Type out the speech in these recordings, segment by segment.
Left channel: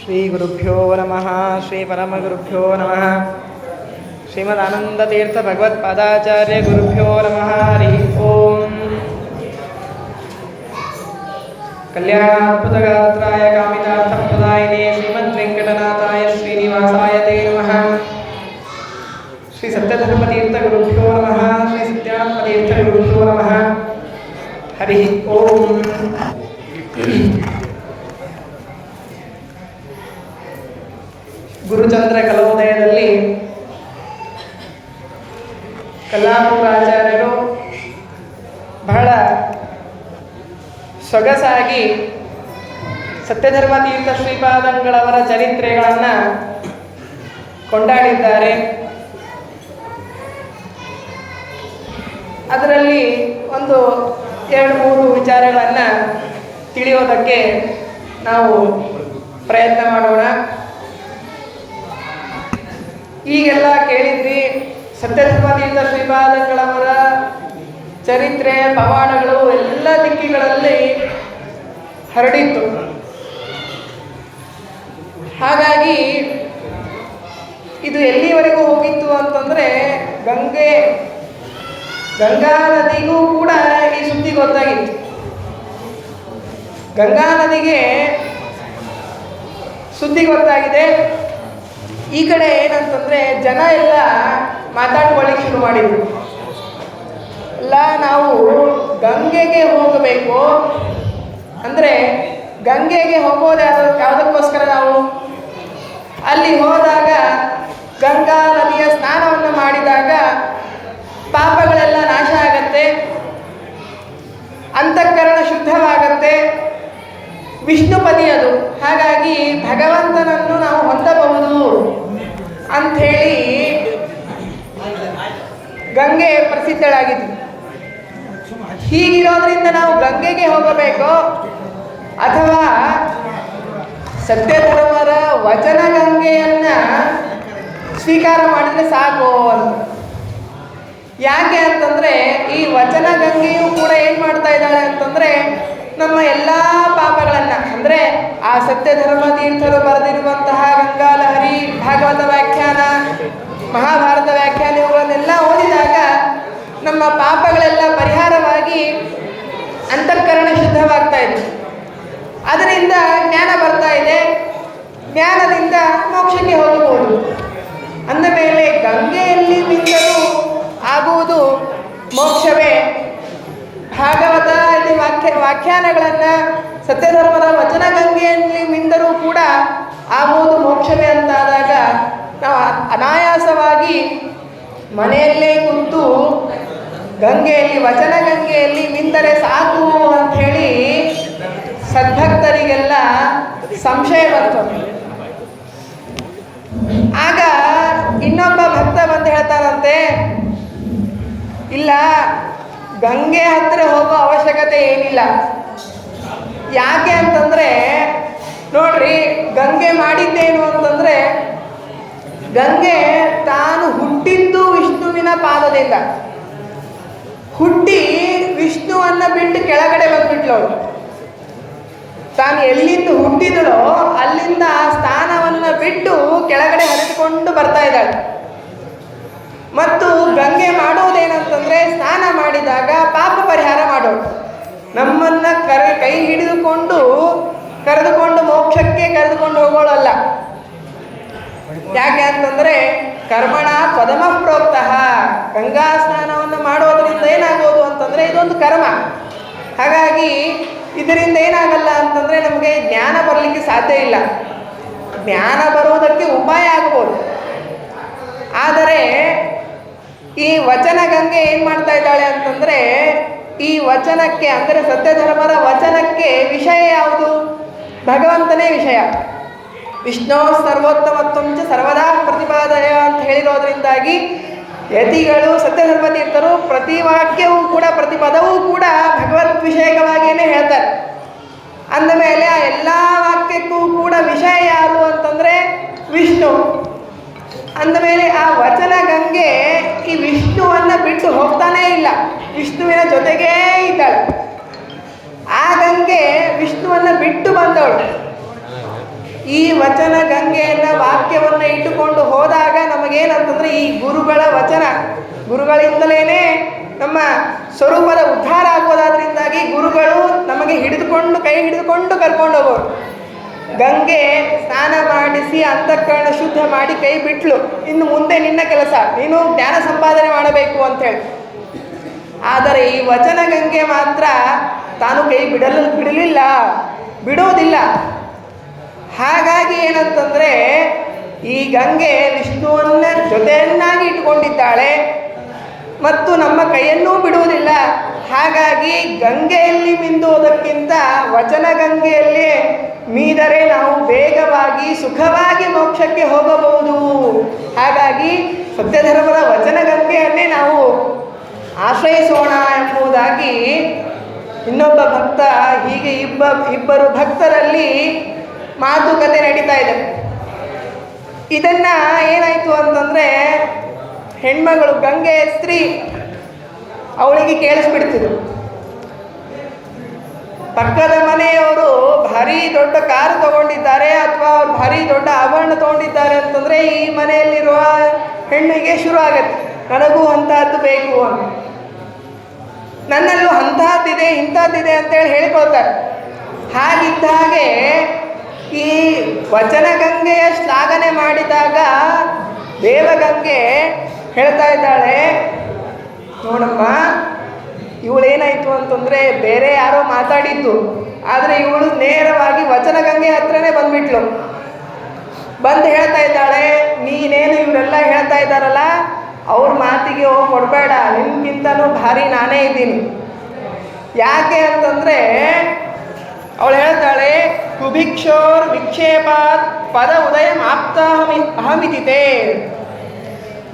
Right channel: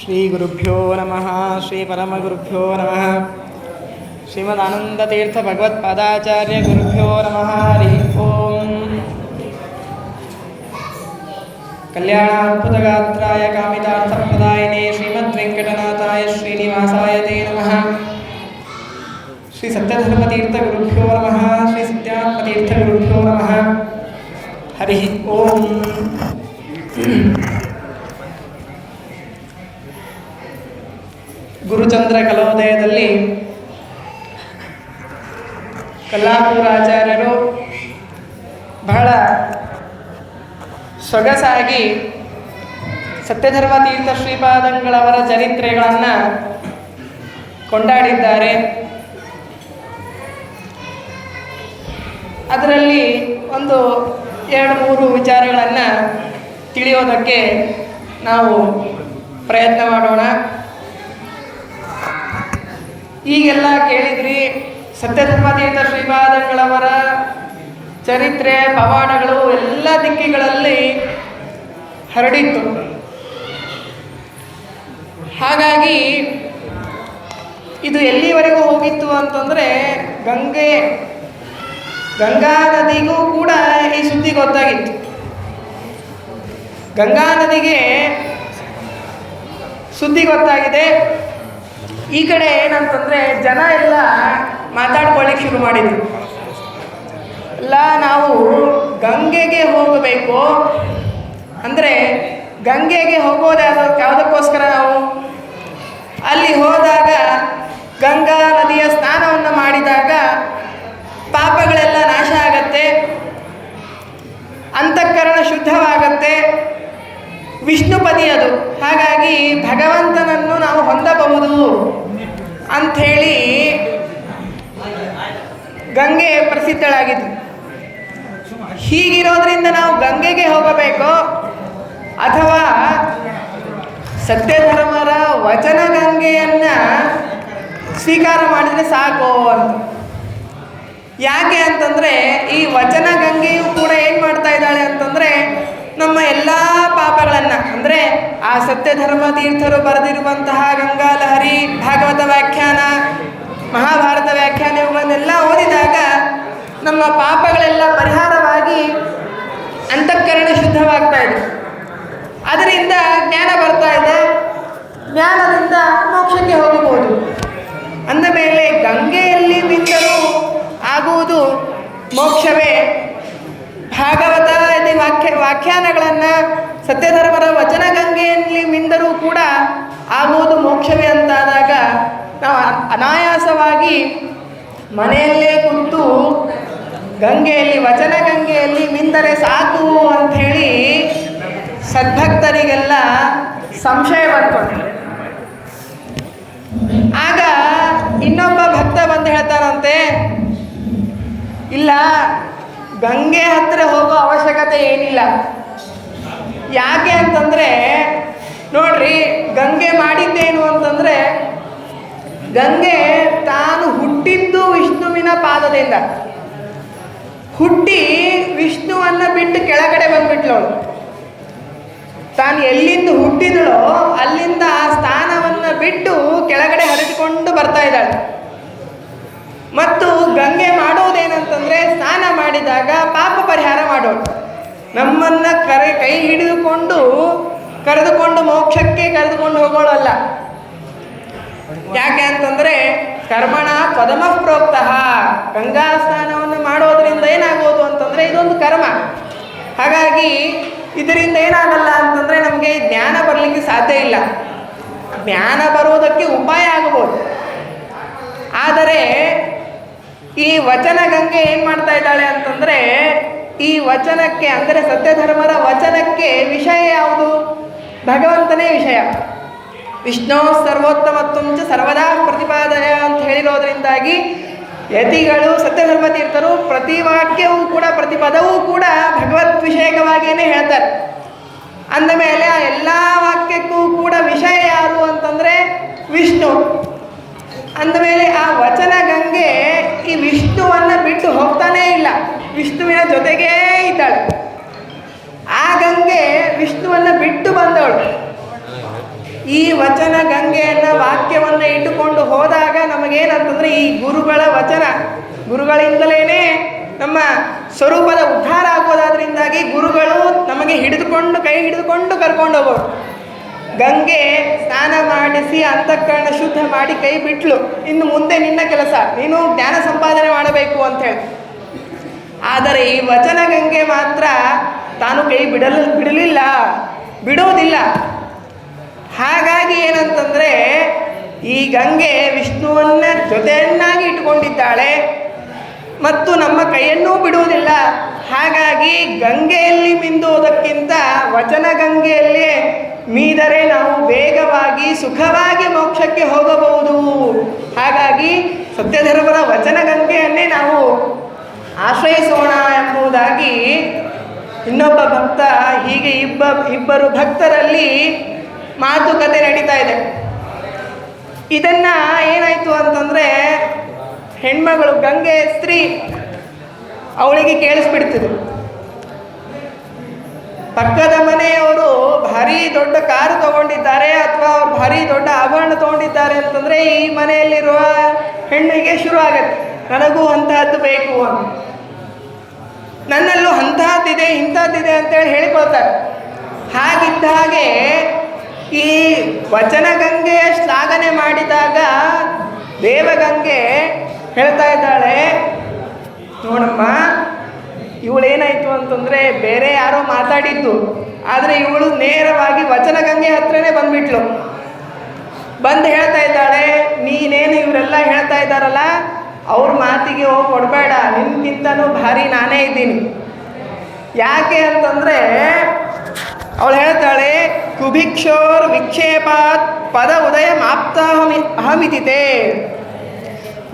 ಶ್ರೀ ಗುರುಭ್ಯೋ ನಮಃ. ಶ್ರೀ ಪರಮಗುರುಭ್ಯೋ ನಮಃ. ಶ್ರೀಮದಾನಂದತೀರ್ಥ ಭಗವತ್ಪಾದಾಚಾರ್ಯ ಗುರುಭ್ಯೋ ನಮಃ. ಹರಿ ಓಂ. ಕಲ್ಯಾಣಾದ್ಭುತಗಾತ್ರಾಯ ಕಾಮಿತಾರ್ಥಪ್ರದಾಯಿನೇ ಶ್ರೀಮದ್ವೆಂಕಟನಾಥಾಯ ಶ್ರೀನಿವಾಸಾಯ ತೇ ನಮಃ. ಶ್ರೀ ಸತ್ಯಧರ್ಮತೀರ್ಥ ಗುರುಭ್ಯೋ ನಮಃ. ಶ್ರೀ ಸತ್ಯಾತ್ಮತೀರ್ಥ ಗುರುಭ್ಯೋ ನಮಃ. ಹರಿ ಓಂ. ಗುರುಚಂದ್ರ ಕಲೋದಯದಲ್ಲಿ ಕಲ್ಲಾಪುರಾಚಾರ್ಯರು ಬಹಳ ಸೊಗಸಾಗಿ ಸತ್ಯಧರ್ಮತೀರ್ಥ ಶ್ರೀಪಾದಂಗಳವರ ಚರಿತ್ರೆಗಳನ್ನು ಕೊಂಡಾಡಿದ್ದಾರೆ. ಅದರಲ್ಲಿ ಒಂದು 2-3 ವಿಚಾರಗಳನ್ನು ತಿಳಿಯೋದಕ್ಕೆ ನಾವು ಪ್ರಯತ್ನ ಮಾಡೋಣ. ಈಗೆಲ್ಲ ಕೇಳಿದ್ರಿ, ಸತ್ಯಧರ್ಮತೀರ್ಥ ಶ್ರೀಪಾದಂಗಳವರ ಚರಿತ್ರೆ ಪವಾಡಗಳು ಎಲ್ಲ ದಿಕ್ಕಿಗಳಲ್ಲಿ ಹರಡಿತ್ತು. ಹಾಗಾಗಿ ಇದು ಎಲ್ಲಿವರೆಗೂ ಹೋಗಿತ್ತು ಅಂತಂದರೆ ಗಂಗಾ ನದಿಗೂ ಕೂಡ ಈ ಸುದ್ದಿ ಗೊತ್ತಾಗಿತ್ತು. ಗಂಗಾ ನದಿಗೆ ಸುದ್ದಿ ಗೊತ್ತಾಗಿದೆ. ಈ ಕಡೆ ಏನಂತಂದರೆ ಜನ ಎಲ್ಲ ಮಾತಾಡ್ಕೊಳ್ಳಿಕ್ಕೆ ಶುರು ಮಾಡಿದರು. ಎಲ್ಲ ನಾವು ಗಂಗೆಗೆ ಹೋಗಬೇಕು ಅಂದರೆ ಗಂಗೆಗೆ ಹೋಗೋದು ಯಾವುದಕ್ಕೋಸ್ಕರ ನಾವು ಅಲ್ಲಿ ಹೋದಾಗ ಗಂಗಾ ನದಿಯ ಸ್ನಾನವನ್ನು ಮಾಡಿದಾಗ ಪಾಪಗಳೆಲ್ಲ ನಾಶ ಆಗತ್ತೆ, ಅಂತಃಕರಣ ಶುದ್ಧವಾಗತ್ತೆ, ವಿಷ್ಣುಪದಿ ಅದು. ಹಾಗಾಗಿ ಭಗವಂತನನ್ನು ನಾವು ಹೊಂದಬಹುದು ಅಂಥೇಳಿ ಗಂಗೆ ಪ್ರಸಿದ್ಧಳಾಗಿದ್ದು. ಹೀಗಿರೋದ್ರಿಂದ ನಾವು ಗಂಗೆಗೆ ಹೋಗಬೇಕು ಅಥವಾ ಸತ್ಯಧರ್ಮರ ವಚನ ಗಂಗೆಯನ್ನು ಸ್ವೀಕಾರ ಮಾಡಿದರೆ ಸಾಕು ಅಂತ. ಯಾಕೆ ಅಂತಂದರೆ ಈ ವಚನ ಗಂಗೆಯು ಕೂಡ ಏನು ಮಾಡ್ತಾ ಇದ್ದಾಳೆ ಅಂತಂದರೆ ನಮ್ಮ ಎಲ್ಲ ಪಾಪಗಳನ್ನು, ಅಂದರೆ ಆ ಸತ್ಯಧರ್ಮ ತೀರ್ಥರು ಬರೆದಿರುವಂತಹ ಗಂಗಾಲಹರಿ, ಭಾಗವತ ವ್ಯಾಖ್ಯಾನ, ಮಹಾಭಾರತ ವ್ಯಾಖ್ಯಾನ ಇವುಗಳನ್ನೆಲ್ಲ ಓದಿದಾಗ ನಮ್ಮ ಪಾಪಗಳೆಲ್ಲ ಪರಿಹಾರವಾಗಿ ಅಂತಃಕರಣ ಶುದ್ಧವಾಗ್ತಾ ಇದೆ. ಅದರಿಂದ ಜ್ಞಾನ ಬರ್ತಾ ಇದೆ, ಜ್ಞಾನದಿಂದ ಮೋಕ್ಷಕ್ಕೆ ಹೋಗಬಹುದು. ಅಂದ ಮೇಲೆ ಗಂಗೆಯಲ್ಲಿ ಮಿಂದರೂ ಆಗುವುದು ಮೋಕ್ಷವೇ. ಭಾಗವತ ವ್ಯಾಖ್ಯಾನಗಳನ್ನು ಸತ್ಯಧರ್ಮರ ವಚನ ಗಂಗೆಯಲ್ಲಿ ಮಿಂದರೂ ಕೂಡ ಆಗುವುದು ಮೋಕ್ಷವೇ ಅಂತಾದಾಗ ನಾವು ಅನಾಯಾಸವಾಗಿ ಮನೆಯಲ್ಲೇ ಕುಂತು ಗಂಗೆಯಲ್ಲಿ ವಚನ ಗಂಗೆಯಲ್ಲಿ ಮಿಂದರೆ ಸಾಕು ಅಂಥೇಳಿ ಸದ್ಭಕ್ತರಿಗೆಲ್ಲ ಸಂಶಯ ಬರ್ತದೆ. ಆಗ ಇನ್ನೊಬ್ಬ ಭಕ್ತ ಬಂದು ಹೇಳ್ತಾರಂತೆ, ಇಲ್ಲ, ಗಂಗೆ ಹತ್ತಿರ ಹೋಗೋ ಅವಶ್ಯಕತೆ ಏನಿಲ್ಲ. ಯಾಕೆ ಅಂತಂದರೆ ನೋಡ್ರಿ, ಗಂಗೆ ಮಾಡಿದ್ದೇನು ಅಂತಂದರೆ ಗಂಗೆ ತಾನು ಹುಟ್ಟಿದ್ದು ವಿಷ್ಣುವಿನ ಪಾದದಿಂದ ಹುಟ್ಟಿ ವಿಷ್ಣುವನ್ನು ಬಿಟ್ಟು ಕೆಳಗಡೆ ಬಂದ್ಬಿಟ್ಲವಳು. ತಾನು ಎಲ್ಲಿಂದ ಹುಟ್ಟಿದಳೋ ಅಲ್ಲಿಂದ ಆ ಸ್ಥಾನವನ್ನು ಬಿಟ್ಟು ಕೆಳಗಡೆ ಹರಿದುಕೊಂಡು ಬರ್ತಾ ಇದ್ದಾಳೆ. ಮತ್ತು ಗಂಗೆ ಮಾಡೋದೇನಂತಂದರೆ ಸ್ನಾನ ಮಾಡಿದಾಗ ಪಾಪ ಪರಿಹಾರ ಮಾಡೋದು. ನಮ್ಮನ್ನು ಕೈ ಹಿಡಿದುಕೊಂಡು ಕರೆದುಕೊಂಡು ಮೋಕ್ಷಕ್ಕೆ ಕರೆದುಕೊಂಡು ಹೋಗೋಳಲ್ಲ. ಯಾಕೆ ಅಂತಂದರೆ ಕರ್ಮಣ ಪದಮ ಪ್ರೋಕ್ತಃ. ಗಂಗಾ ಸ್ನಾನವನ್ನು ಮಾಡೋದರಿಂದ ಏನಾಗೋದು ಅಂತಂದರೆ ಇದೊಂದು ಕರ್ಮ. ಹಾಗಾಗಿ ಇದರಿಂದ ಏನಾಗಲ್ಲ ಅಂತಂದರೆ ನಮಗೆ ಜ್ಞಾನ ಬರಲಿಕ್ಕೆ ಸಾಧ್ಯ ಇಲ್ಲ. ಜ್ಞಾನ ಬರೋದಕ್ಕೆ ಉಪಾಯ ಆಗಬಹುದು. ಆದರೆ ಈ ವಚನ ಗಂಗೆ ಏನು ಮಾಡ್ತಾ ಇದ್ದಾಳೆ ಅಂತಂದರೆ ಈ ವಚನಕ್ಕೆ, ಅಂದರೆ ಸತ್ಯಧರ್ಮರ ವಚನಕ್ಕೆ ವಿಷಯ ಯಾವುದು? ಭಗವಂತನೇ ವಿಷಯ. ವಿಷ್ಣು ಸರ್ವೋತ್ತಮತ್ವಂಚ ಸರ್ವದಾ ಪ್ರತಿಪಾದಯ ಅಂತ ಹೇಳಿರೋದ್ರಿಂದಾಗಿ ಯತಿಗಳು, ಸತ್ಯಧರ್ಮ ತೀರ್ಥರು ಪ್ರತಿ ವಾಕ್ಯವೂ ಕೂಡ, ಪ್ರತಿ ಪದವೂ ಕೂಡ ಭಗವದ್ ವಿಷಯಕವಾಗಿಯೇ ಹೇಳ್ತಾರೆ. ಅಂದಮೇಲೆ ಆ ಎಲ್ಲ ವಾಕ್ಯಕ್ಕೂ ಕೂಡ ವಿಷಯ ಯಾರು ಅಂತಂದರೆ ವಿಷ್ಣು. ಅಂದಮೇಲೆ ಆ ವಚನ ಗಂಗೆ ಈ ವಿಷ್ಣುವನ್ನು ಬಿಟ್ಟು ಹೋಗ್ತಾನೇ ಇಲ್ಲ, ವಿಷ್ಣುವಿನ ಜೊತೆಗೇ ಇದ್ದಾಳೆ. ಆ ಗಂಗೆ ವಿಷ್ಣುವನ್ನು ಬಿಟ್ಟು ಬಂದವಳು. ಈ ವಚನ ಗಂಗೆಯನ್ನ ವಾಕ್ಯವನ್ನು ಇಟ್ಟುಕೊಂಡು ಹೋದಾಗ ನಮಗೇನಂತಂದ್ರೆ ಈ ಗುರುಗಳ ವಚನ, ಗುರುಗಳಿಂದಲೇ ನಮ್ಮ ಸ್ವರೂಪದ ಉದ್ಧಾರ ಆಗೋದಾದ್ರಿಂದಾಗಿ ಗುರುಗಳು ನಮಗೆ ಕೈ ಹಿಡಿದುಕೊಂಡು ಕರ್ಕೊಂಡು ಹೋಗೋರು. ಗಂಗೆ ಸ್ನಾನ ಮಾಡಿಸಿ ಅಂತಃಕರಣ ಶುದ್ಧ ಮಾಡಿ ಕೈ ಬಿಟ್ಲು, ಇನ್ನು ಮುಂದೆ ನಿನ್ನ ಕೆಲಸ, ನೀನು ಜ್ಞಾನ ಸಂಪಾದನೆ ಮಾಡಬೇಕು ಅಂತೇಳಿ. ಆದರೆ ಈ ವಚನ ಗಂಗೆ ಮಾತ್ರ ತಾನು ಕೈ ಬಿಡೋದಿಲ್ಲ. ಹಾಗಾಗಿ ಏನಂತಂದರೆ ಈ ಗಂಗೆ ವಿಷ್ಣುವನ್ನ ಜೊತೆಯನ್ನಾಗಿ ಇಟ್ಟುಕೊಂಡಿದ್ದಾಳೆ ಮತ್ತು ನಮ್ಮ ಕೈಯನ್ನೂ ಬಿಡುವುದಿಲ್ಲ. ಹಾಗಾಗಿ ಗಂಗೆಯಲ್ಲಿ ಮಿಂದುವುದಕ್ಕಿಂತ ವಚನ ಗಂಗೆಯಲ್ಲೇ ಮೀದರೆ ನಾವು ವೇಗವಾಗಿ ಸುಖವಾಗಿ ಮೋಕ್ಷಕ್ಕೆ ಹೋಗಬಹುದು. ಹಾಗಾಗಿ ಸತ್ಯಧರ್ಮದ ವಚನ ಗಂಗೆಯನ್ನೇ ನಾವು ಆಶ್ರಯಿಸೋಣ ಎಂಬುದಾಗಿ ಇನ್ನೊಬ್ಬ ಭಕ್ತ, ಹೀಗೆ ಇಬ್ಬರು ಭಕ್ತರಲ್ಲಿ ಮಾತುಕತೆ ನಡೀತಾ ಇದೆ. ಇದನ್ನ ಏನಾಯ್ತು ಅಂತಂದ್ರೆ ಹೆಣ್ಮಗಳು ಗಂಗೆ ಸ್ತ್ರೀ ಅವಳಿಗೆ ಕೇಳಿಸ್ಬಿಡ್ತಿದ್ರು. ಪಕ್ಕದ ಮನೆಯವರು ಭಾರಿ ದೊಡ್ಡ ಕಾರು ತಗೊಂಡಿದ್ದಾರೆ ಅಥವಾ ಅವ್ರು ಭಾರಿ ದೊಡ್ಡ ಆಭರಣ ತಗೊಂಡಿದ್ದಾರೆ ಅಂತಂದ್ರೆ ಈ ಮನೆಯಲ್ಲಿರುವ ಹೆಣ್ಣಿಗೆ ಶುರು ಆಗತ್ತೆ, ನನಗೂ ಅಂತಹದ್ದು ಬೇಕು ಅಂತ, ನನ್ನಲ್ಲೂ ಅಂತಹದ್ದಿದೆ ಇಂಥದ್ದಿದೆ ಅಂತೇಳಿ ಹೇಳ್ಕೊಳ್ತಾರೆ. ಹಾಗಿದ್ದ ಹಾಗೆ ಈ ವಚನ ಗಂಗೆಯ ಶ್ಲಾಘನೆ ಮಾಡಿದಾಗ ದೇವಗಂಗೆ ಹೇಳ್ತಾ ಇದ್ದಾಳೆ, ನೋಡಮ್ಮ, ಇವಳೇನಾಯಿತು ಅಂತಂದರೆ ಬೇರೆ ಯಾರೋ ಮಾತಾಡಿದ್ದು, ಆದರೆ ಇವಳು ನೇರವಾಗಿ ವಚನ ಗಂಗೆ ಹತ್ರನೇ ಬಂದ್ಬಿಟ್ಲು. ಬಂದು ಹೇಳ್ತಾ ಇದ್ದಾಳೆ, ನೀನೇನು ಇವರೆಲ್ಲ ಹೇಳ್ತಾ ಇದ್ದಾರಲ್ಲ ಅವ್ರ ಮಾತಿಗೆ ಹೋಗಿ ಕೊಡಬೇಡ, ನಿಮ್ಗಿಂತನೂ ಭಾರಿ ನಾನೇ ಇದ್ದೀನಿ. ಯಾಕೆ ಅಂತಂದರೆ ಅವಳು ಹೇಳ್ತಾಳೆ, ಕುಭಿಕ್ಷೋರ್ ವಿಕ್ಷೇಪಾತ್ ಪದ ಉದಯ ಅಹಮಿತಿತೆ.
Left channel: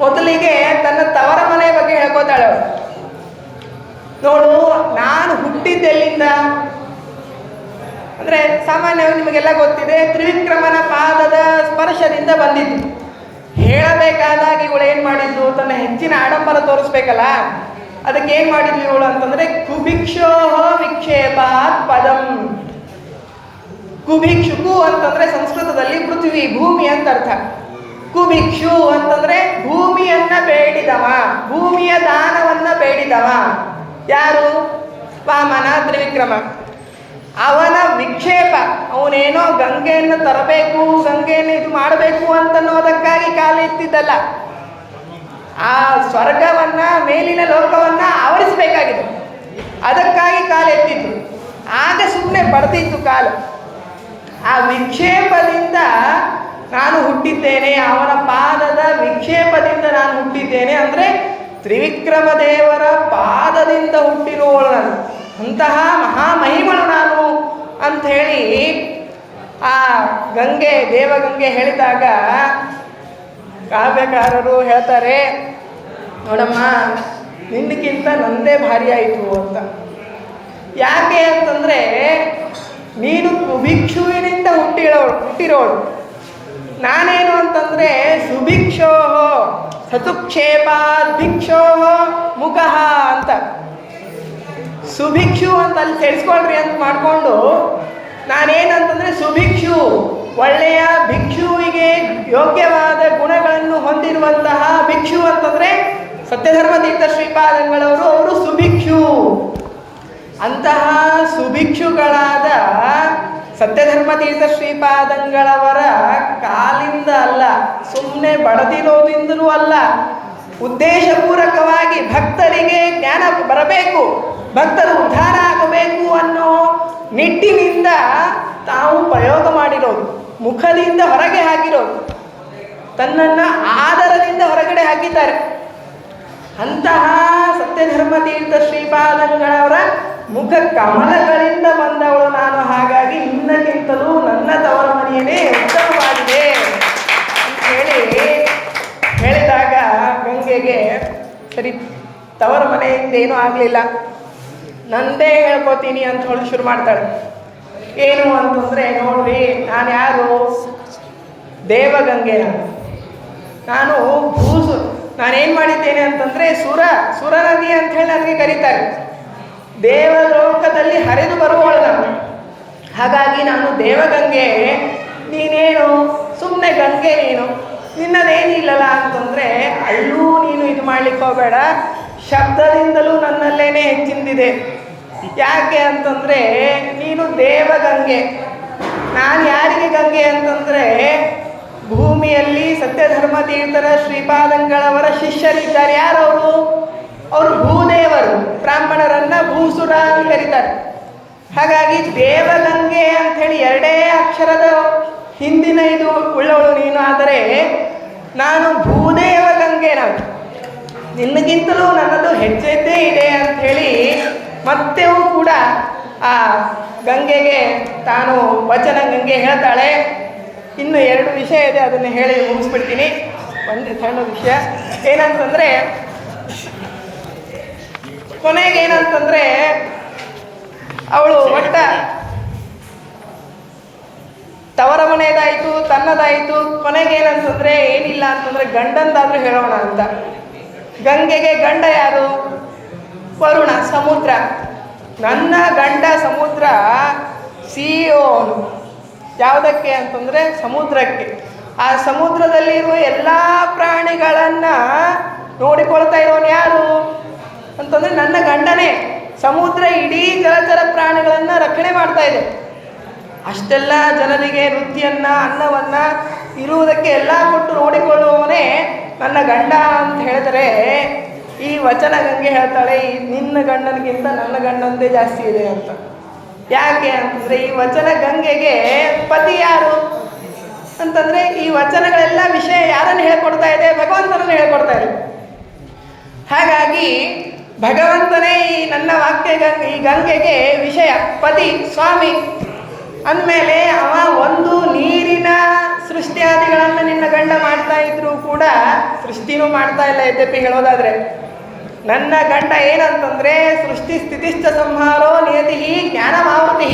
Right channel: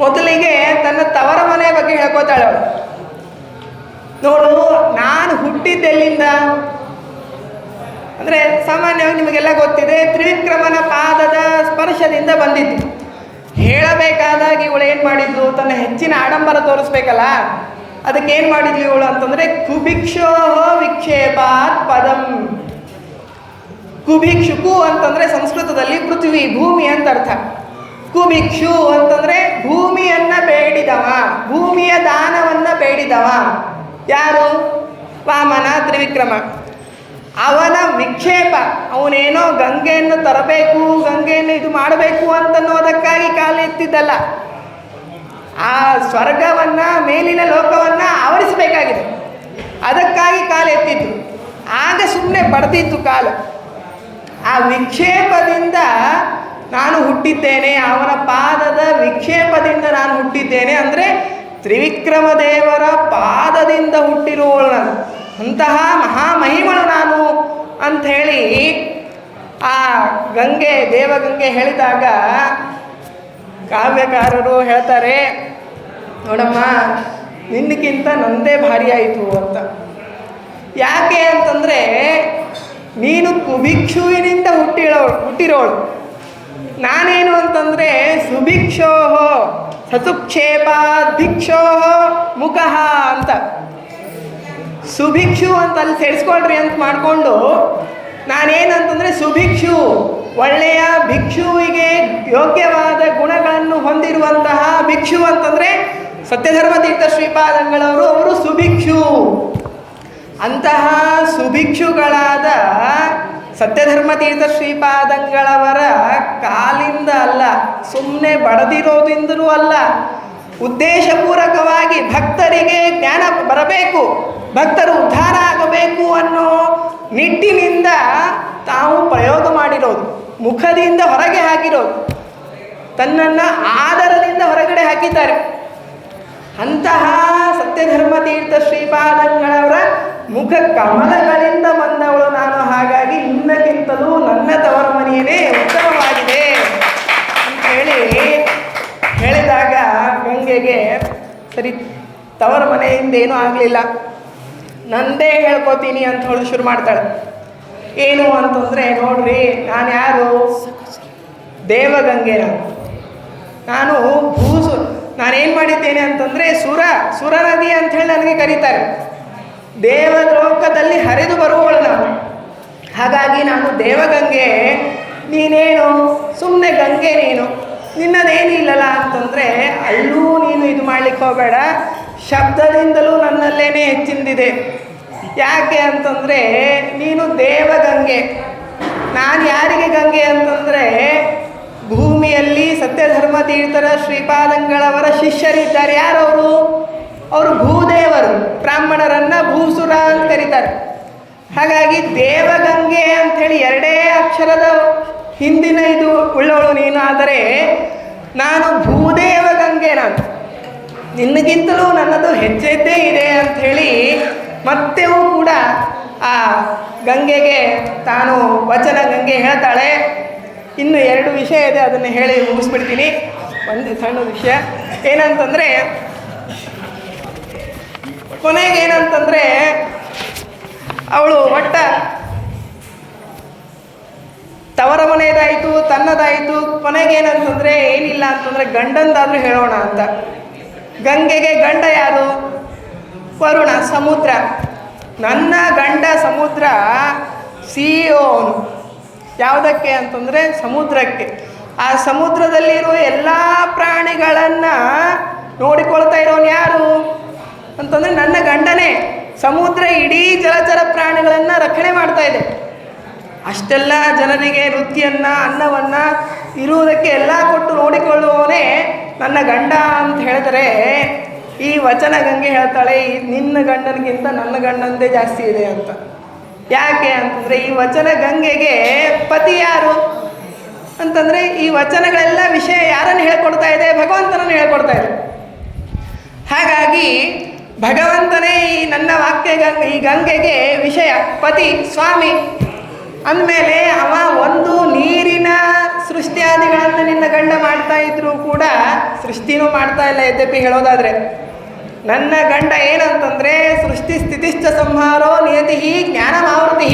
ಮೊದಲಿಗೆ ತನ್ನ ತವರ ಮನೆ ಬಗ್ಗೆ ಹೇಳ್ಕೋತಾಳೆ ಅವಳು. ನೋಡು, ನಾನು ಹುಟ್ಟಿದ್ದೆಲ್ಲಿಂದ ಅಂದರೆ ಸಾಮಾನ್ಯವಾಗಿ ನಿಮಗೆಲ್ಲ ಗೊತ್ತಿದೆ, ತ್ರಿವಿಕ್ರಮನ ಪಾದದ ಸ್ಪರ್ಶದಿಂದ ಬಂದಿದ್ದು. ಹೇಳಬೇಕಾದಾಗ ಇವಳು ಏನು ಮಾಡಿದ್ಲು, ತನ್ನ ಹೆಚ್ಚಿನ ಆಡಂಬರ ತೋರಿಸ್ಬೇಕಲ್ಲ, ಅದಕ್ಕೆ ಏನು ಮಾಡಿದ್ಲು ಇವಳು ಅಂತಂದರೆ ಕುಭಿಕ್ಷೋ ವಿಕ್ಷೇಪಾತ್ ಪದಂ. ಕುಭಿಕ್ಷು ಅಂತಂದರೆ ಸಂಸ್ಕೃತದಲ್ಲಿ ಪೃಥ್ವಿ, ಭೂಮಿ ಅಂತ ಅರ್ಥ. ಕುಭಿಕ್ಷು ಅಂತಂದರೆ ಭೂಮಿಯನ್ನು ಬೇಡಿದವ, ಭೂಮಿಯ ದಾನವನ್ನು ಬೇಡಿದವ. ಯಾರು? ವಾಮನ ತ್ರಿವಿಕ್ರಮ. ಅವನ ವಿಕ್ಷೇಪ, ಅವನೇನೋ ಗಂಗೆಯನ್ನು ತರಬೇಕು, ಗಂಗೆಯನ್ನು ಇದು ಮಾಡಬೇಕು ಅಂತನ್ನೋದಕ್ಕಾಗಿ ಕಾಲೆತ್ತಿದ್ದಲ್ಲ, ಆ ಸ್ವರ್ಗವನ್ನು, ಮೇಲಿನ ಲೋಕವನ್ನು ಆವರಿಸಬೇಕಾಗಿದೆ, ಅದಕ್ಕಾಗಿ ಕಾಲೆತ್ತಿದ್ದು. ಆಗ ಸುಮ್ಮನೆ ಬಡ್ದಿತ್ತು ಕಾಲು. ಆ ವಿಕ್ಷೇಪದಿಂದ ನಾನು ಹುಟ್ಟಿದ್ದೇನೆ, ಅವನ ಪಾದದ ವಿಕ್ಷೇಪದಿಂದ ನಾನು ಹುಟ್ಟಿದ್ದೇನೆ ಅಂದರೆ ತ್ರಿವಿಕ್ರಮ ದೇವರ ಪಾದದಿಂದ ಹುಟ್ಟಿರುವವಳು ನಾನು, ಅಂತಹ ಮಹಾಮಹಿಮಳು ನಾನು ಅಂಥೇಳಿ ಆ ಗಂಗೆ, ದೇವಗಂಗೆ ಹೇಳಿದಾಗ ಕಾವ್ಯಕಾರರು ಹೇಳ್ತಾರೆ, ನೋಡಮ್ಮ, ನಿನ್ನಕ್ಕಿಂತ ನನ್ನದೇ ಭಾರಿ ಆಯಿತು ಅಂತ. ಯಾಕೆ ಅಂತಂದರೆ ನೀನು ಕುಭಿಕ್ಷುವಿನಿಂದ ಹುಟ್ಟಿರೋಳು, ನಾನೇನು ಅಂತಂದರೆ ಸುಭಿಕ್ಷೋ ಸತುಕ್ಷೇಪಾತ್ ಭಿಕ್ಷೋ ಮುಖಃ ಅಂತ. ಸುಭಿಕ್ಷು ಅಂತ ಅಲ್ಲಿ ಸೇರಿಸ್ಕೊಳ್ರಿ ಅಂತ ಮಾಡಿಕೊಂಡು ನಾನೇನಂತಂದರೆ ಸುಭಿಕ್ಷು, ಒಳ್ಳೆಯ ಭಿಕ್ಷುವಿಗೆ ಯೋಗ್ಯವಾದ ಗುಣಗಳನ್ನು ಹೊಂದಿರುವಂತಹ ಭಿಕ್ಷು ಅಂತಂದರೆ ಸತ್ಯಧರ್ಮತೀರ್ಥ ಶ್ರೀಪಾದಂಗಳವರು, ಅವರು ಸುಭಿಕ್ಷು. ಅಂತಹ ಸುಭಿಕ್ಷುಗಳಾದ ಸತ್ಯಧರ್ಮತೀರ್ಥ ಶ್ರೀಪಾದಂಗಳವರ ಕಾಲಿಂದ ಅಲ್ಲ, ಸುಮ್ಮನೆ ಬಡದಿರೋದ್ರಿಂದಲೂ ಅಲ್ಲ, ಉದ್ದೇಶಪೂರ್ವಕವಾಗಿ ಭಕ್ತರಿಗೆ ಜ್ಞಾನ ಬರಬೇಕು, ಭಕ್ತರು ಉದ್ಧಾರ ಆಗಬೇಕು ಅನ್ನೋ ನಿಟ್ಟಿನಿಂದ ತಾವು ಪ್ರಯೋಗ ಮಾಡಿರೋದು, ಮುಖದಿಂದ ಹೊರಗೆ ಹಾಕಿರೋದು, ತನ್ನನ್ನು ಆದರದಿಂದ ಹೊರಗಡೆ ಹಾಕಿದ್ದಾರೆ. ಅಂತಹ ಸತ್ಯಧರ್ಮತೀರ್ಥ ಶ್ರೀಪಾದಂಗಳವರ ಮುಖ ಕಮಲಗಳಿಂದ ಬಂದವಳು ನಾನು. ಹಾಗಾಗಿ ನಿನ್ನಕ್ಕಿಂತಲೂ ನನ್ನ ತವರ ಮನೆಯೇ ಉತ್ತಮವಾಗಿದೆ ಅಂತ ಹೇಳಿದಾಗ ಗಂಗೆಗೆ ಸರಿ, ತವರ ಮನೆಯಿಂದ ಏನೂ ಆಗಲಿಲ್ಲ, ನಂದೇ ಹೇಳ್ಕೊತೀನಿ ಅಂತ ಹೇಳಿ ಶುರು ಮಾಡ್ತಾಳೆ. ಏನು ಅಂತಂದರೆ, ನೋಡ್ರಿ, ನಾನು ಯಾರು? ದೇವಗಂಗೆ. ನಾನು ನಾನೇನು ಮಾಡಿದ್ದೇನೆ ಅಂತಂದರೆ ಸುರ ನದಿ ಅಂಥೇಳಿ ನನಗೆ ಕರೀತಾರೆ. ದೇವಲೋಕದಲ್ಲಿ ಹರಿದು ಬರುವವಳು ನಾನು. ಹಾಗಾಗಿ ನಾನು ದೇವಗಂಗೆ, ನೀನೇನು ಗಂಗೆ ನೀನು, ನಿನ್ನದೇನಿಲ್ಲಲ್ಲ ಅಂತಂದರೆ ಅಲ್ಲೂ ನೀನು ಇದು ಮಾಡಲಿಕ್ಕೆ ಹೋಗಬೇಡ. ಶಬ್ದದಿಂದಲೂ ನನ್ನಲ್ಲೇನೆ ಹೆಚ್ಚಿಂದಿದೆ. ಯಾಕೆ ಅಂತಂದರೆ ನೀನು ದೇವಗಂಗೆ. ನಾನು ಯಾರಿಗೆ ಗಂಗೆ ಅಂತಂದರೆ ಭೂಮಿಯಲ್ಲಿ ಸತ್ಯಧರ್ಮ ತೀರ್ಥರ ಶ್ರೀಪಾದಂಗಳವರ ಶಿಷ್ಯರಿದ್ದಾರೆ. ಯಾರವರು? ಅವರು ಭೂದೇವರು, ಬ್ರಾಹ್ಮಣರನ್ನು ಭೂಸುರ ಅಂತ ಕರೀತಾರೆ. ಹಾಗಾಗಿ ದೇವಗಂಗೆ ಅಂಥೇಳಿ ಎರಡೇ ಅಕ್ಷರದ ಹಿಂದಿನ ಇದು ಉಳ್ಳವಳು ನೀನು. ಆದರೆ ನಾನು ಭೂದೇವ ಗಂಗೆ. ನಾನು ನಿನ್ನಗಿಂತಲೂ ನನ್ನದು ಹೆಚ್ಚೆದ್ದೇ ಇದೆ ಅಂಥೇಳಿ ಮತ್ತೆಯೂ ಕೂಡ ಆ ಗಂಗೆಗೆ ತಾನು ವಚನ ಗಂಗೆ ಹೇಳ್ತಾಳೆ. ಇನ್ನು 2 ವಿಷಯ ಇದೆ, ಅದನ್ನು ಹೇಳಿ ಮುಗಿಸ್ಬಿಡ್ತೀನಿ. ಒಂದು ಸಣ್ಣ ವಿಷಯ ಏನಂತಂದರೆ, ಕೊನೆಗೇನಂತಂದರೆ ಅವಳು ತವರ ಮನೆಯದಾಯಿತು, ತನ್ನದಾಯಿತು. ಕೊನೆಗೇನಂತಂದರೆ ಏನಿಲ್ಲ ಅಂತಂದರೆ ಗಂಡಂದಾದರೂ ಹೇಳೋಣ ಅಂತ. ಗಂಗೆಗೆ ಗಂಡ ಯಾರು? ವರುಣ, ಸಮುದ್ರ. ನನ್ನ ಗಂಡ ಸಮುದ್ರ CEO. ಯಾವುದಕ್ಕೆ ಅಂತಂದರೆ ಸಮುದ್ರಕ್ಕೆ. ಆ ಸಮುದ್ರದಲ್ಲಿರುವ ಎಲ್ಲ ಪ್ರಾಣಿಗಳನ್ನು ನೋಡಿಕೊಳ್ತಾ ಇರೋನು ಯಾರು ಅಂತಂದರೆ ನನ್ನ ಗಂಡನೇ. ಸಮುದ್ರ ಇಡೀ ಜಲಚರ ಪ್ರಾಣಿಗಳನ್ನು ರಕ್ಷಣೆ ಮಾಡ್ತಾ ಇದೆ. ಅಷ್ಟೆಲ್ಲ ಜನರಿಗೆ ವೃತ್ತಿಯನ್ನು, ಅನ್ನವನ್ನು, ಇರುವುದಕ್ಕೆ ಎಲ್ಲ ಕೊಟ್ಟು ನೋಡಿಕೊಳ್ಳುವವನೇ ನನ್ನ ಗಂಡ ಅಂತ ಹೇಳಿದರೆ, ಈ ವಚನ ಗಂಗೆ ಹೇಳ್ತಾಳೆ ನಿನ್ನ ಗಂಡನಿಗಿಂತ ನನ್ನ ಗಂಡಂದೇ ಜಾಸ್ತಿ ಇದೆ ಅಂತ. ಯಾಕೆ ಅಂತಂದರೆ ಈ ವಚನ ಗಂಗೆಗೆ ಪತಿ ಯಾರು ಅಂತಂದರೆ ಈ ವಚನಗಳೆಲ್ಲ ವಿಷಯ ಯಾರನ್ನು ಹೇಳ್ಕೊಡ್ತಾ ಇದೆ? ಭಗವಂತನನ್ನು ಹೇಳ್ಕೊಡ್ತಾ ಇದೆ. ಹಾಗಾಗಿ ಭಗವಂತನೇ ಈ ನನ್ನ ಈ ಗಂಗೆಗೆ ವಿಷಯ, ಪತಿ, ಸ್ವಾಮಿ ಅಂದಮೇಲೆ ಅವ ಒಂದು ನೀರಿನ ಸೃಷ್ಟಿಯಾದಿಗಳನ್ನು ನಿನ್ನ ಗಂಡ ಮಾಡ್ತಾ ಇದ್ರು ಕೂಡ ಸೃಷ್ಟಿನೂ ಮಾಡ್ತಾ ಇಲ್ಲ. ಯದ್ಯಪಿ ಹೇಳೋದಾದರೆ ನನ್ನ ಗಂಡ ಏನಂತಂದರೆ ಸೃಷ್ಟಿ ಸ್ಥಿತಿಶ್ಚ ಸಂಹಾರೋ ನಿಯತಿ ಜ್ಞಾನಮಾವೃತಿ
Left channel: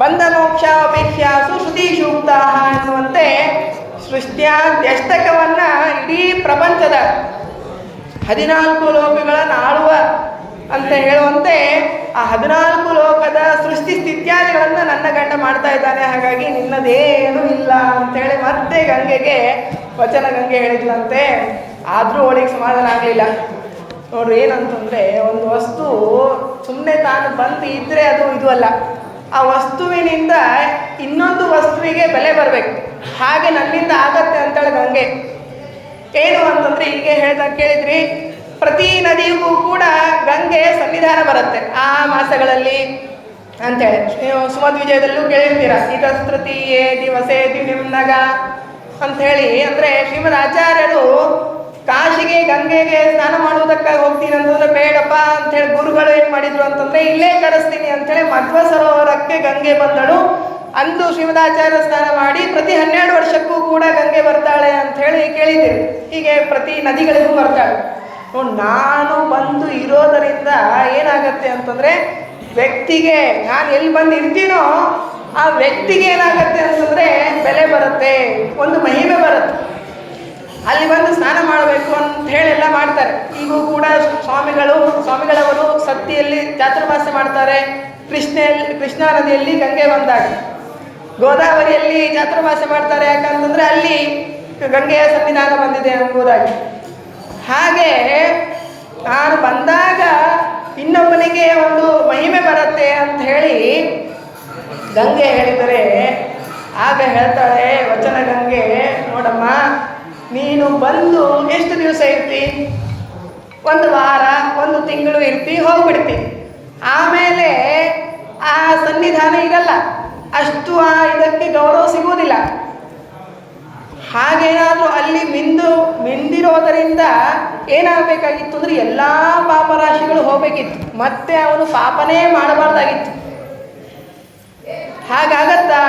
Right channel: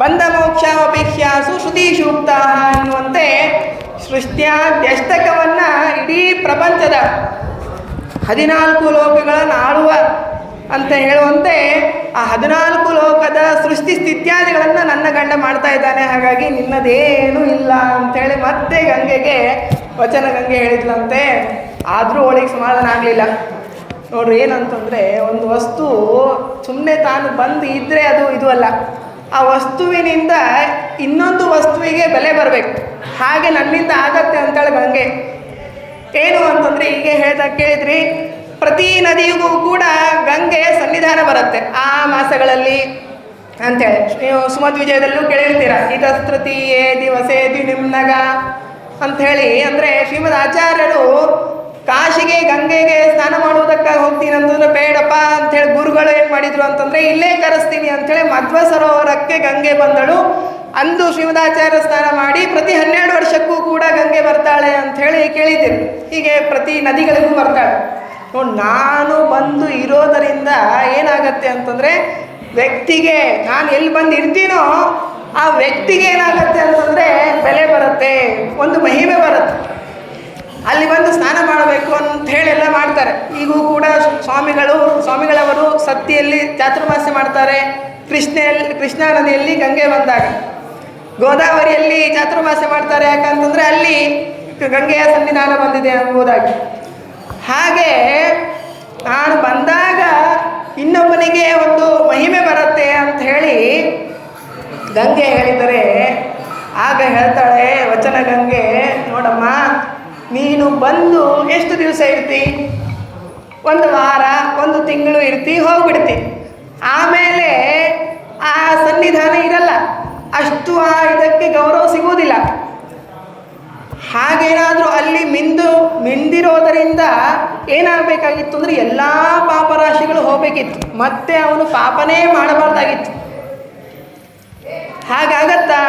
ಬಂಧ ಮೋಕ್ಷ ಅಪೇಕ್ಷಾಸು ಶ್ರುತಿ ಸೂಕ್ತ ಎನ್ನುವಂತೆ ಸೃಷ್ಟಿಯ ದ್ಯಷ್ಟಕವನ್ನು ಇಡೀ ಪ್ರಪಂಚದ 14 ಲೋಕಗಳನ್ನು ಆಳುವ ಅಂತ ಹೇಳುವಂತೆ ಆ 14 ಲೋಕದ ಸೃಷ್ಟಿ ಸ್ಥಿತ್ಯಾದಿಗಳನ್ನು ನನ್ನ ಗಂಡ ಮಾಡ್ತಾ ಇದ್ದಾನೆ. ಹಾಗಾಗಿ ನಿನ್ನದೇನೂ ಇಲ್ಲ ಅಂಥೇಳಿ ಮತ್ತೆ ಗಂಗೆಗೆ ವಚನ ಗಂಗೆ ಹೇಳಿದ್ಲಂತೆ. ಆದರೂ ಅವಳಿಗೆ ಸಮಾಧಾನ ಆಗಲಿಲ್ಲ. ನೋಡು ಏನಂತಂದರೆ ಒಂದು ವಸ್ತು ಸುಮ್ಮನೆ ತಾನು ಬಂದು ಇದ್ದರೆ ಅದು ಇದು ಅಲ್ಲ. ಆ ವಸ್ತುವಿನಿಂದ ಇನ್ನೊಂದು ವಸ್ತುವಿಗೆ ಬೆಲೆ ಬರಬೇಕು. ಹಾಗೆ ನನ್ನಿಂದ ಆಗತ್ತೆ ಅಂತೇಳಿ ಗಂಗೆ. ಏನು ಅಂತಂದರೆ ಹೀಗೆ ಕೇಳಿದ್ರಿ, ಪ್ರತಿ ನದಿಗೂ ಕೂಡ ಗಂಗೆ ಸನ್ನಿಧಾನ ಬರುತ್ತೆ ಆ ಮಾಸಗಳಲ್ಲಿ ಅಂಥೇಳಿ. ನೀವು ಸುಮಧ್ವಿಜಯದಲ್ಲೂ ಕೇಳಿರ್ತೀರ, ಈಗ ತೃತೀಯೇ ದಿವಸೇ ದಿನಿಮ್ನಗ ಅಂಥೇಳಿ. ಅಂದರೆ ಶ್ರೀಮದ್ ಆಚಾರ್ಯರು ಕಾಶಿಗೆ ಗಂಗೆಗೆ ಸ್ನಾನ ಮಾಡುವುದಕ್ಕಾಗಿ ಹೋಗ್ತೀನಿ ಅಂತಂದರೆ ಬೇಡಪ್ಪ ಅಂಥೇಳಿ ಗುರುಗಳು ಏನು ಮಾಡಿದರು ಅಂತಂದರೆ ಇಲ್ಲೇ ಕರೆಸ್ತೀನಿ ಅಂಥೇಳಿ ಮಧ್ವ ಸರೋವರಕ್ಕೆ ಗಂಗೆ ಬಂದಳು. ಅಂದು ಶ್ರೀಮದಾಚಾರ್ಯ ಸ್ನಾನ ಮಾಡಿ ಪ್ರತಿ 12 ವರ್ಷಕ್ಕೂ ಕೂಡ ಗಂಗೆ ಬರ್ತಾಳೆ ಅಂಥೇಳಿ ಕೇಳಿದ್ದೀರಿ. ಹೀಗೆ ಪ್ರತಿ ನದಿಗಳಿಗೂ ಬರ್ತಾಳೆ. ನಾನು ಬಂದು ಇರೋದರಿಂದ ಏನಾಗತ್ತೆ ಅಂತಂದರೆ ವ್ಯಕ್ತಿಗೆ ನಾನು ಎಲ್ಲಿ ಬಂದು ಇರ್ತೀನೋ ಆ ವ್ಯಕ್ತಿಗೆ ಏನಾಗತ್ತೆ ಅಂತಂದರೆ ಬೆಲೆ ಬರುತ್ತೆ, ಒಂದು ಮಹಿಮೆ ಬರುತ್ತೆ. ಅಲ್ಲಿ ಬಂದು ಸ್ನಾನ ಮಾಡಬೇಕು ಅಂತ ಹೇಳೆಲ್ಲ ಮಾಡ್ತಾರೆ. ಈಗೂ ಕೂಡ ಸ್ವಾಮಿಗಳವರು ಸತ್ತಿಯಲ್ಲಿ ಚಾತುರ್ಮಾಸ ಮಾಡ್ತಾರೆ. ಕೃಷ್ಣಾ ನದಿಯಲ್ಲಿ ಗಂಗೆ ಬಂದಾಗ, ಗೋದಾವರಿಯಲ್ಲಿ ಚಾತುರ್ಮಾಸ ಮಾಡ್ತಾರೆ. ಯಾಕಂತಂದರೆ ಅಲ್ಲಿ ಗಂಗೆಯ ಸನ್ನಿಧಾನ ಬಂದಿದೆ ಎಂಬುದಾಗಿ. ಹಾಗೆ ನಾನು ಬಂದಾಗ ಇನ್ನೊಬ್ಬನಿಗೆ ಒಂದು ಮಹಿಮೆ ಬರುತ್ತೆ ಅಂತ ಹೇಳಿ ಗಂಗೆ ಹೇಳಿದರೆ, ಆಗ ಹೇಳ್ತಾಳೆ ವಚನ ಗಂಗೆ, ನೋಡಮ್ಮ ನೀನು ಬಂದು ಎಷ್ಟು ದಿವಸ ಇರ್ತಿ? 1 ವಾರ 1 ತಿಂಗಳು ಇರ್ತಿ, ಹೋಗ್ಬಿಡ್ತಿ. ಆಮೇಲೆ ಆ ಸನ್ನಿಧಾನ ಇರಲ್ಲ, ಅಷ್ಟು ಇದಕ್ಕೆ ಗೌರವ ಸಿಗುವುದಿಲ್ಲ. ಹಾಗೇನಾದರೂ ಅಲ್ಲಿ ಮಿಂದಿರೋದರಿಂದ ಏನಾಗಬೇಕಾಗಿತ್ತು ಅಂದರೆ ಎಲ್ಲ ಪಾಪರಾಶಿಗಳು ಹೋಗಬೇಕಿತ್ತು, ಮತ್ತೆ ಅವನು ಪಾಪನೇ ಮಾಡಬಾರ್ದಾಗಿತ್ತು. ಹಾಗಾಗತ್ತಾ?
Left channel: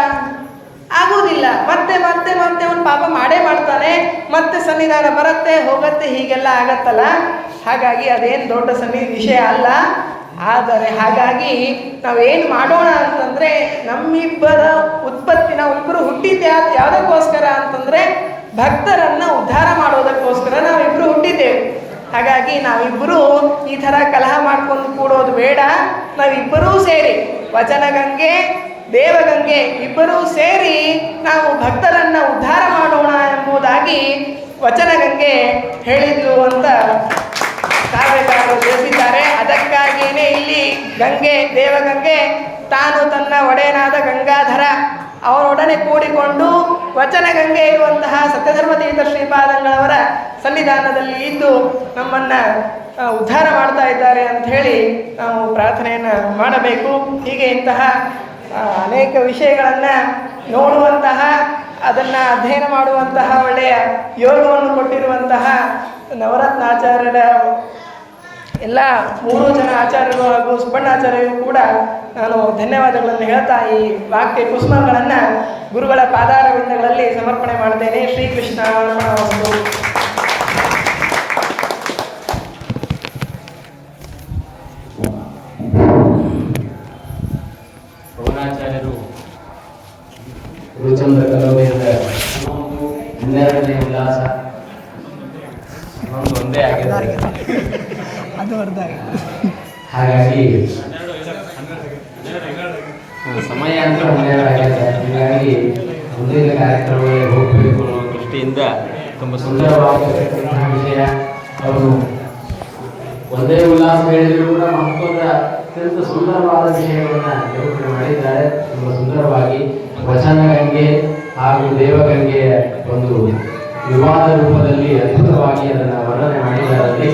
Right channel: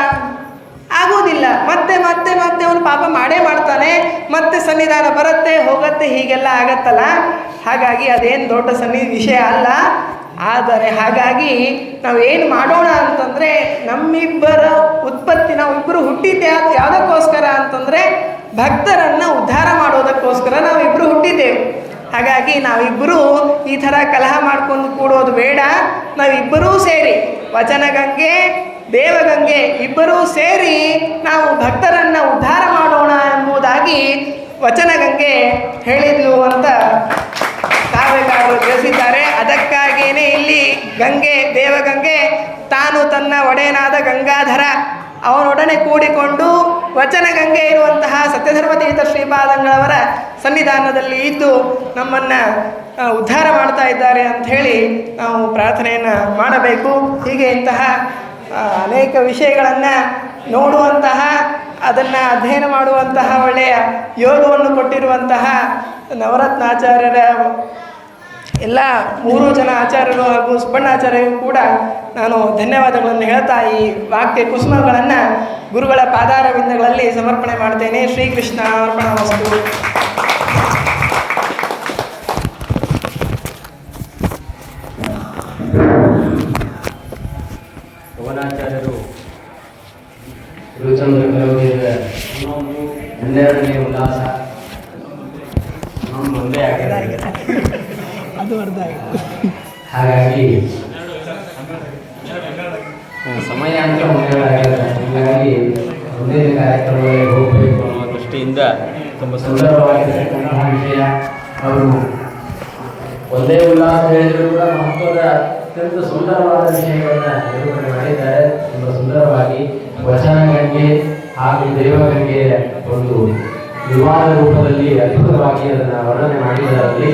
ಆಗೋದಿಲ್ಲ. ಮತ್ತೆ ಮತ್ತೆ ಮತ್ತೆ ಅವನು ಪಾಪ ಮಾಡೇ ಮಾಡ್ತಾನೆ, ಮತ್ತೆ ಸನ್ನಿಧಾನ ಬರುತ್ತೆ ಹೋಗುತ್ತೆ, ಹೀಗೆಲ್ಲ ಆಗತ್ತಲ್ಲ. ಹಾಗಾಗಿ ಅದೇನು ದೊಡ್ಡ ವಿಷಯ ಅಲ್ಲ. ಆದರೆ ಹಾಗಾಗಿ ನಾವೇನು ಮಾಡೋಣ ಅಂತಂದರೆ ನಮ್ಮಿಬ್ಬರ ಉತ್ಪತ್ತಿ, ನಾವಿಬ್ಬರು ಹುಟ್ಟಿದ್ದೆ ಯಾವುದಕ್ಕೋಸ್ಕರ ಅಂತಂದರೆ ಭಕ್ತರನ್ನು ಉದ್ಧಾರ ಮಾಡೋದಕ್ಕೋಸ್ಕರ ನಾವಿಬ್ಬರು ಹುಟ್ಟಿದ್ದೇವೆ. ಹಾಗಾಗಿ ನಾವಿಬ್ಬರು ಈ ಥರ ಕಲಹ ಮಾಡ್ಕೊಂಡು ಕೂಡೋದು ಬೇಡ. ನಾವಿಬ್ಬರೂ ಸೇರಿ ವಚನಗಂಗೆ ದೇವಗಂಗೆ ಇಬ್ಬರೂ ಸೇರಿ ನಾವು ಭಕ್ತರನ್ನು ಉದ್ಧಾರ ಮಾಡೋಣ ಹಾಗಾಗಿ ವಚನಗಂಗೆ ಹೇಳಿದ್ರು ಅಂತ ಕಾವ್ಯಕಾರರು ತಿಳಿಸಿದ್ದಾರೆ. ಅದಕ್ಕಾಗಿಯೇ ಇಲ್ಲಿ ಗಂಗೆ, ದೇವಗಂಗೆ ತಾನು ತನ್ನ ಒಡೆಯನಾದ ಗಂಗಾಧರ ಅವನೊಡನೆ ಕೂಡಿಕೊಂಡು ವಚನಗಂಗೆ ಇರುವಂತಹ ಸತ್ಯಧರ್ಮತೀರ್ಥ ಶ್ರೀಪಾದಂಗಳವರ ಸನ್ನಿಧಾನದಲ್ಲಿ ಇದ್ದು ನಮ್ಮನ್ನು ಉದ್ಧಾರ ಮಾಡ್ತಾ ಇದ್ದಾರೆ ಅಂಥೇಳಿ ನಾವು ಪ್ರಾರ್ಥನೆಯನ್ನು ಮಾಡಬೇಕು. ಹೀಗೆ ಇಂತಹ ಅನೇಕ ವಿಷಯಗಳನ್ನು ನೋಡುವಂತಹ, ಅದನ್ನು ಅಧ್ಯಯನ ಮಾಡುವಂತಹ ಒಳ್ಳೆಯ ಯೋಗವನ್ನು ಕೊಟ್ಟಿರುವಂತಹ ನವರತ್ನಾಚಾರ್ಯರ ಎಲ್ಲ 3 ಜನ ಆಚಾರ್ಯರು ಹಾಗೂ ಸುಬ್ಬಣ್ಣಾಚಾರ್ಯರು ಕೂಡ ನಾನು ಧನ್ಯವಾದಗಳನ್ನು ಹೇಳ್ತಾ ಈ ವಾಕ್ಯ ಕುಸುಮಗಳನ್ನು ಗುರುಗಳ ಪಾದಾರವಿಂದಗಳಲ್ಲಿ ಸಮರ್ಪಣೆ ಮಾಡ್ತೇನೆ. ಶ್ರೀಕೃಷ್ಣ ಅರ್ಪಣಮಸ್ತು. ಪವನಾಚಾರ್ಯರು ಗುರುಚಂದ್ರ ಕಲವೆಯ 12ನೇ ಉಲ್ಲಾಸ ಒಂದೇ ಆಗಿದೆ, ಅದು ಅರ್ಧ ಆಗಿದೆ. ಹಾಗಾಗಿ ಸಮಯ ಅಂತ ಒಂದೇದಾಗಿದೆ. ಹೀಗಾಗಿ ಮುಂದಿನ ಕಾರ್ಯಕ್ರಮಗಳಿಗೆ ಹೋಗಬೇಕು ಅನ್ನೋ ದೃಷ್ಟಿಯಿಂದ ತುಂಬ ಸುಂದರವಾಗಿರತಕ್ಕಂತಹ ವಿಷಯ. ಅವರು ಒಂದೇ ಉಲ್ಲಾಸ ಹೇಳಿದರೂ ಕೂಡ ಮಹತ್ವದ ಅತ್ಯಂತ ಸುಂದರವಾದ ವಿಷಯವನ್ನು ನಿರೂಪಣೆ ಮಾಡಿದ್ದಾರೆ. ತುಂಬ ಸುಂದರವಾಗಿ ವಚನಗಂಗೆ ಹಾಗೂ ದೇವಗಂಗೆಯ ಒಂದು ವಿವಾದ ರೂಪದಲ್ಲಿ ಅದ್ಭುತವಾಗಿ ಅದನ್ನು ವರ್ಣನೆ ಮಾಡಿದ್ದಾರೆ.